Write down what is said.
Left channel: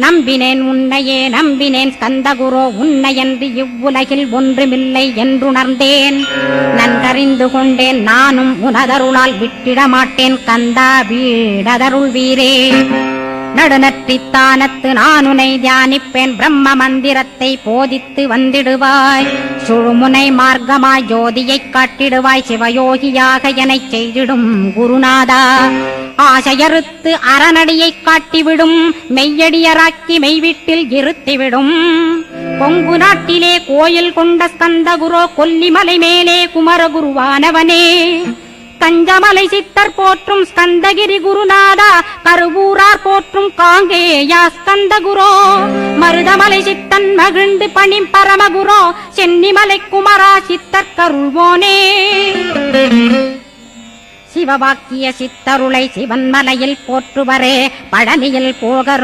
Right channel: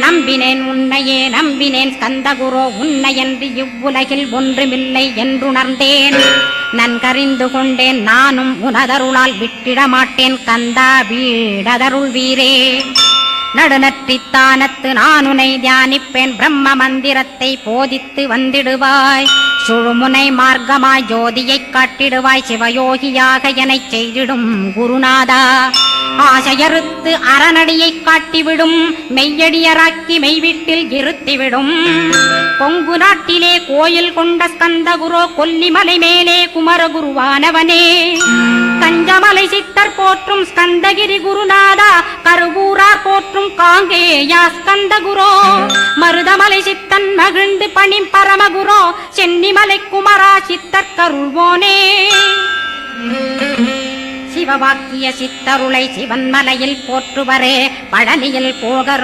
நம்பினேன் உன்னையே நம்பினேன் ஸ்கந்தகுரோ உன்னையன்று இவ்வுலகில் ஒன்றுமில்லை என்றுணர்ந்தேன். நன்கறிந்து கொண்டேன் நானும் உனதருளால் விட்டிட மாட்டேன் கந்தா வீடதருள் வீரே. நடுநற்றித்தானத்து நானுனை தியானிப்பேன் பிரம்ம மந்திரத்தை போதித்து வந்திடுவாய். சுழுமுனை மார்க்கமாய் ஜோதியைக் காட்டிடுவாய் சிவயோகியாக எனச் செய்திடும் குருநாதா. ஆசையறுத்து அறநடியைக் காட்டிவிடும் மெய்யடியராக்கி மெய்வீட்டில் இருத்திவிடும். கொங்கு நாட்டிலே கோயில் கொண்ட ஸ்கந்தகுரோ கொல்லிமலை மேலே குமரகுருவானவனே. கஞ்சமலை சித்தர் போற்றும் ஸ்கந்தகிரி குருநாதா கருவூரார் போற்றும் காங்கேயா ஸ்கந்தகுரோ. மருதமலை சித்தன் மகிழ்ந்து பணிம் பரமகுரோ சென்னிமலை குமரா சித்தர் கருள்வோனே. சிவவாக்கிய சித்தருளை சிவன்மலையில் போற்றுவரே பழனியில் போகர்